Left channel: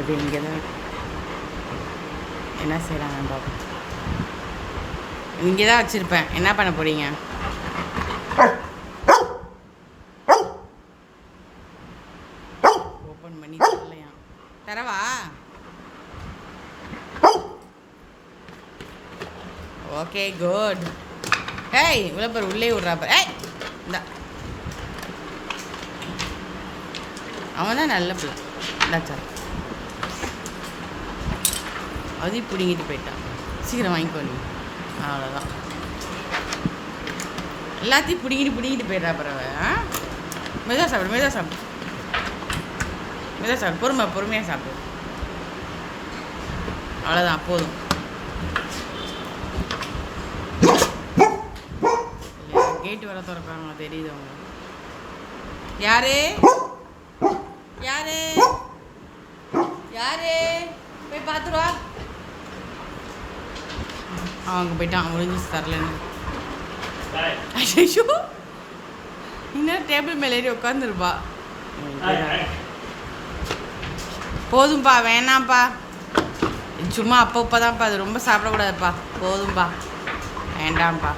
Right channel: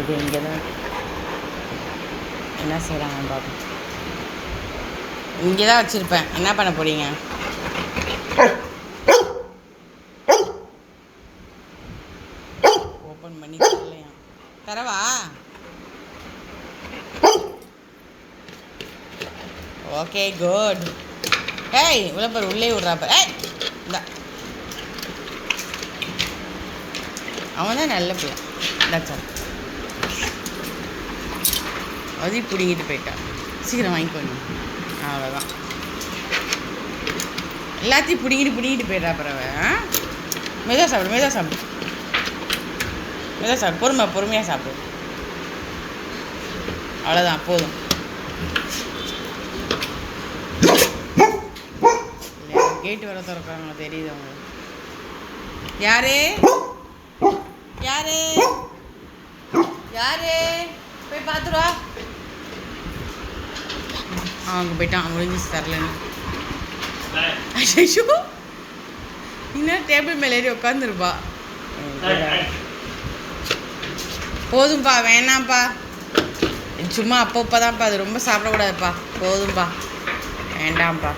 இது இங்கே தான் என்ன செய்கிறாங்கன்னு பார்ப்போம். இங்கே தான் வச்சுருப்பேன். என்ன பண்ண போகிறீங்க? ஓப்பன் பண்ணி தரலையா? தரவா? Okay good. ஏய் இவ்வளோ பேர் உள்ளே விட்றாப்ப. ஏய் இந்த அவன் தான் நல்ல பிள்ளை. இந்த சார் அதையும் பிடிங்கிட்டு போயிட்டான். சீக்கிரம் வாங்கிக்கோங்க. அவ்வளோதான். எல்லாத்தையும் பிடிங்கிட்டு போயிடுறா பறவை. மெதுவாக சாப்பிடு, மெதுவாக சாப்பிடு, மெதுவாக சாப்பிடு, பொறுமையாக சாப்பிடு. அவ்வளோதான், போதும். இல்லையா கேட்டு வர திறக்கிறாங்களா தெரியுது அவங்க. யாரு யாரு யாரு போய் பார்த்துருவா. அவங்க போயிட்டான். முடிஞ்சு தரலன்னு. ஐயோ இன்னும் டேபிள் மேலே ஏறி உட்காந்துருப்பா. போதும்பா, வேணாம்ப்பா. சும்மா அப்பப்போ தான்ப்பா, அது ரொம்ப சாப்பிடக்கூடாதுப்பா. போதும்பா, வேண்டாம்ப்பா.